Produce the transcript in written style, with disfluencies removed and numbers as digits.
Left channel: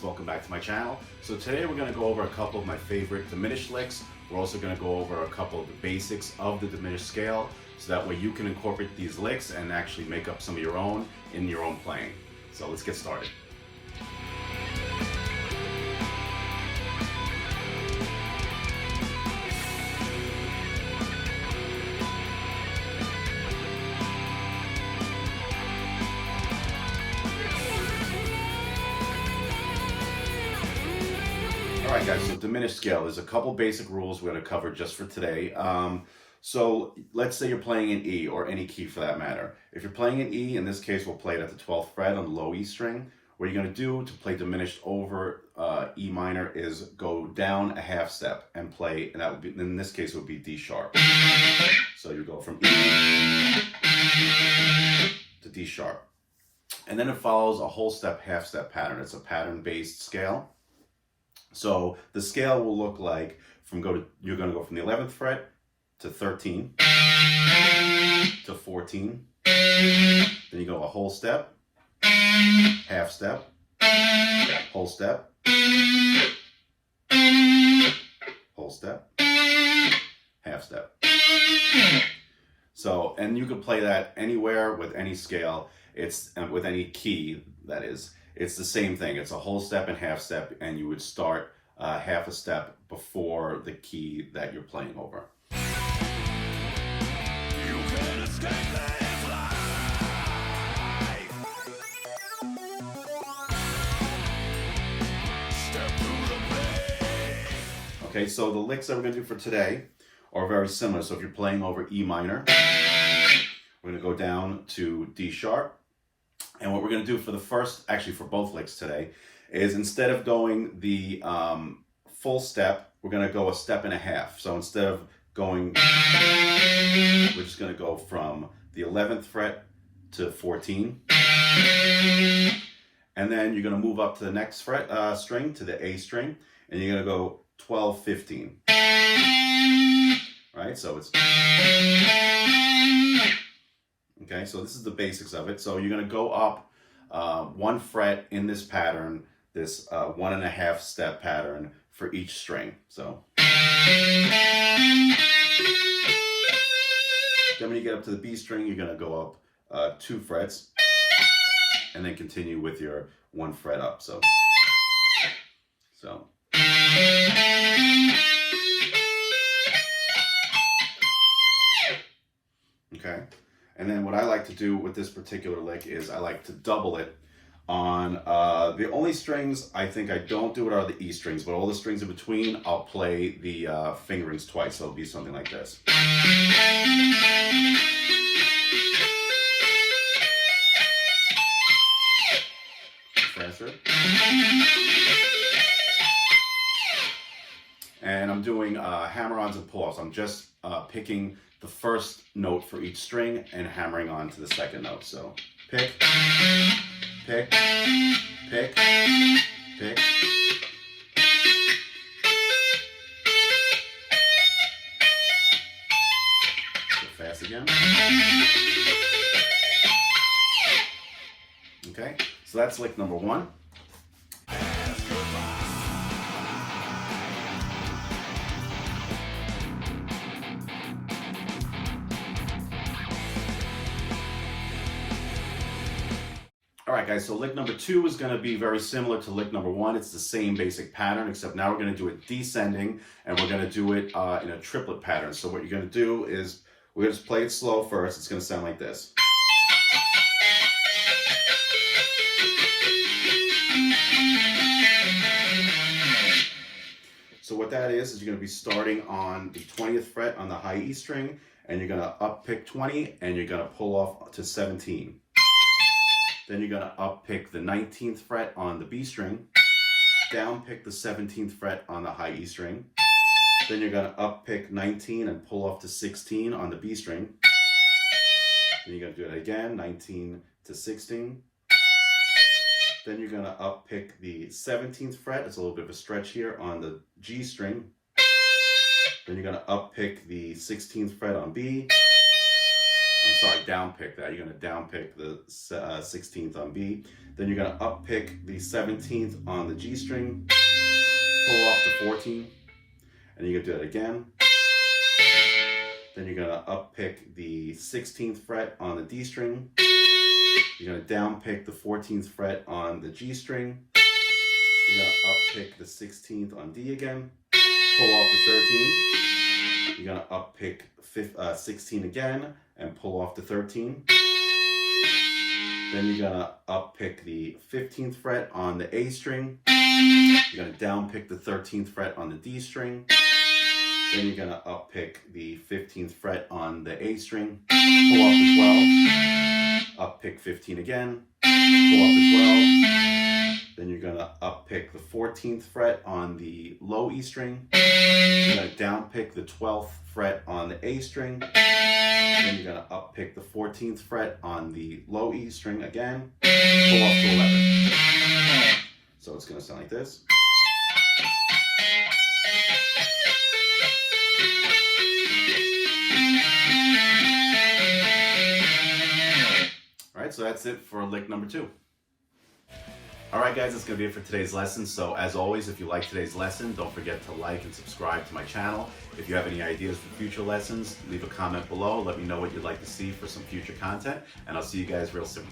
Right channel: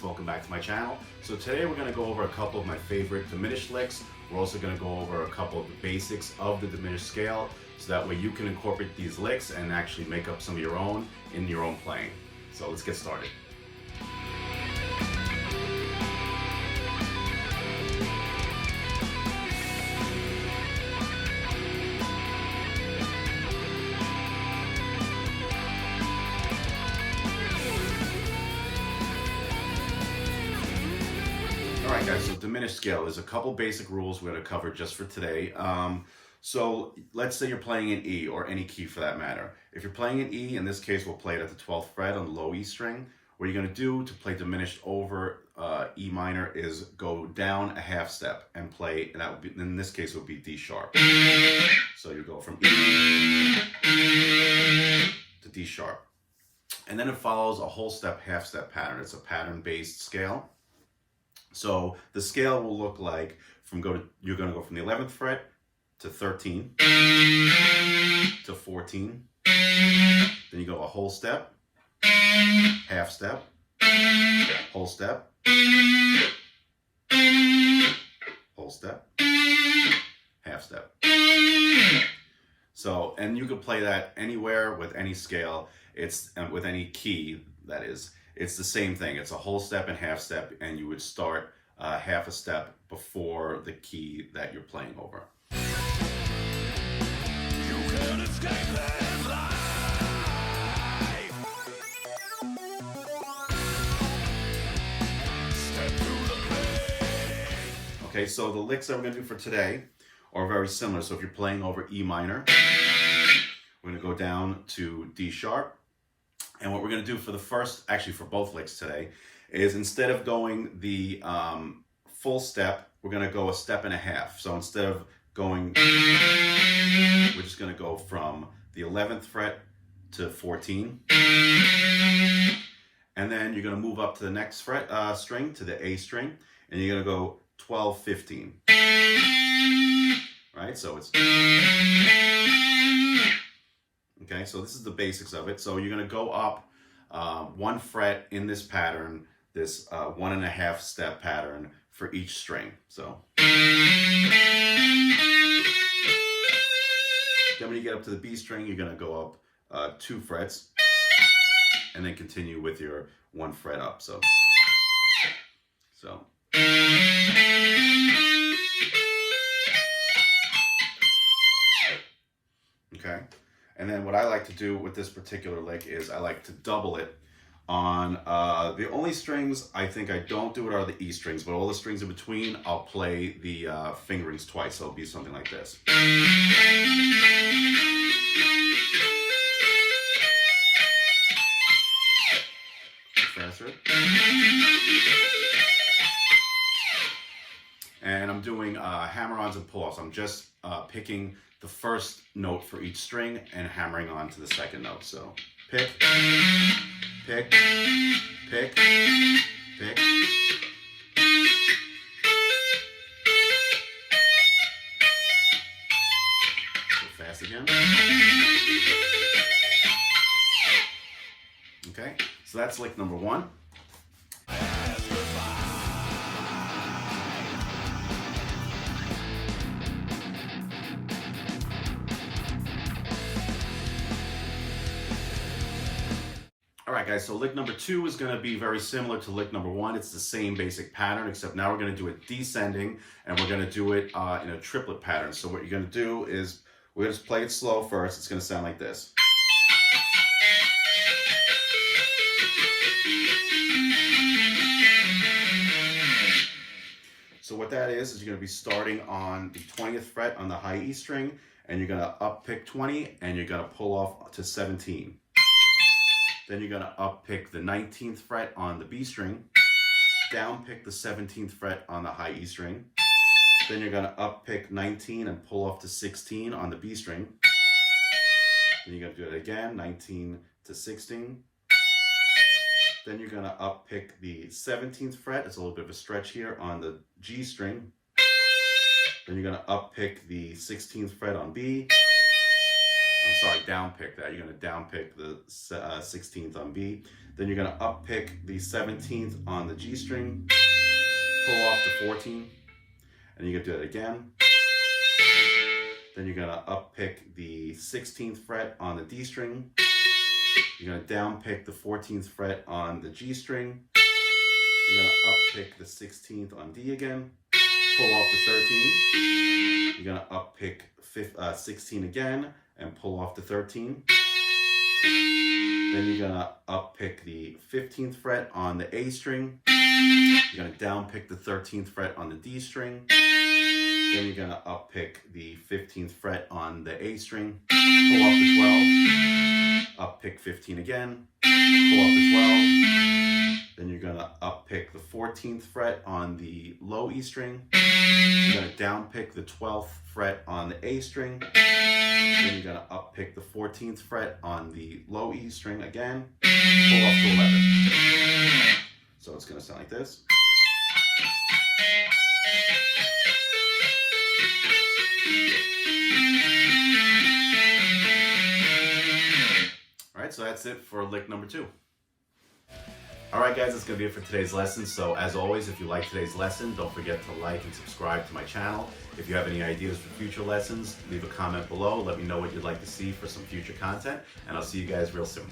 guys, welcome back to my channel. So today we're going to go over a couple of my favorite diminished licks. We're also going to go over a couple of the basics of the diminished scale, so that way you can incorporate these licks and actually make up some of your own in your own playing. So let's get started. Alright guys, so diminished scale, there's a couple basic rules we're going to cover just for today. So let's say you're playing in E, or any key for that matter. If you're playing in E, in this case we'll play it at the 12th fret on the low E string. What you're going to do to play diminished over E minor is go down a half step and play, and that would be, in this case it would be D sharp. So you go from E to D sharp. And then it follows a whole step, half step pattern. It's a pattern based scale. So the scale will look like you're going to go from the 11th fret to 13 to 14. Then you go a whole step, half step, whole step, whole step, half step. So, and you could play that anywhere with any scale. It's with any key, that is. It's the same thing. It's a whole step and half step, and you would start half a step before the key that you're playing over. You can escape this life. Step through the pain. Okay, so the licks that we're going to do for today are very similar. So if you're playing over E minor, we're going to go down to D sharp. And what we're going to do for the first, actually for both licks today, is instead of going the full step, we're going to go a step and a half. So instead of going, we're just going to go from the 11th fret to 14. And then you're going to move up to the next fret string, to the A string, and you're going to go 12, 15. Right? So it's... Okay, so this is the basics of it. So you're going to go up one fret in this pattern, this 1.5 step pattern for each string. So then when you get up to the B string, you're going to go up 2 frets and then continue with your 1 fret up. So okay. And then what I like to do with this particular lick is I like to double it on the only strings I think I don't do it are the E strings, but all the strings in between I'll play the fingerings twice. So it'll be something like this. Faster. And I'm doing hammer-ons and pull-offs. I'm just picking the first note for each string and hammering on to the second note. So pick, pick, pick, pick. Go fast again. Okay, so that's lick number 1. Alright guys, so lick number 2 is going to be very similar to lick number 1. It's the same basic pattern, except now we're going to do it descending, and we're going to do it in a triplet pattern. So what you're going to do is, we're going to just play it slow first. It's going to sound like this. So what that is you're going to be starting on the 20th fret on the high E string, and you're going to up pick 20, and you're going to pull off to 17. Then you're going to up pick the 19th fret on the B string, down pick the 17th fret on the high E string. Then you're going to up pick 19 and pull off to 16 on the B string. Then you're going to do it again, 19 to 16. Then you're going to up pick the 17th fret. It's a little bit of a stretch here on the G string. Then you're going to up pick the 16th fret on B. down pick that. You're going to down pick the 16th on B. Then you're going to up pick the 17th on the G string, pull off the 14th, and you're going to do it again. Then you're going to up pick the 16th fret on the D string. You're going to down pick the 14th fret on the G string. You're going to up pick the 16th on D again, pull off the 13. You're going to up pick 16 again and pull off the 13. Then you're going to up pick the 15th fret on the A string. You're going to down pick the 13th fret on the D string. Then you're going to up pick the 15th fret on the A string, pull off the 12, up pick 15 again, pull off the 12. Then you're going to up pick the 14th fret on the low E string. You're going to down pick the 12th fret on the A string. Then you're going to up pick the 14th fret on the low E string again, pull off to 11. So it's going to sound like this. All right, so that's it for lick number 2. All right, guys, that's going to be it for today's lesson. So as always, if you like today's lesson, don't forget to like and subscribe to my channel. If you have any ideas for future lessons, leave a comment below. Let me know what you'd like to see for some future content, and I'll see you guys real soon.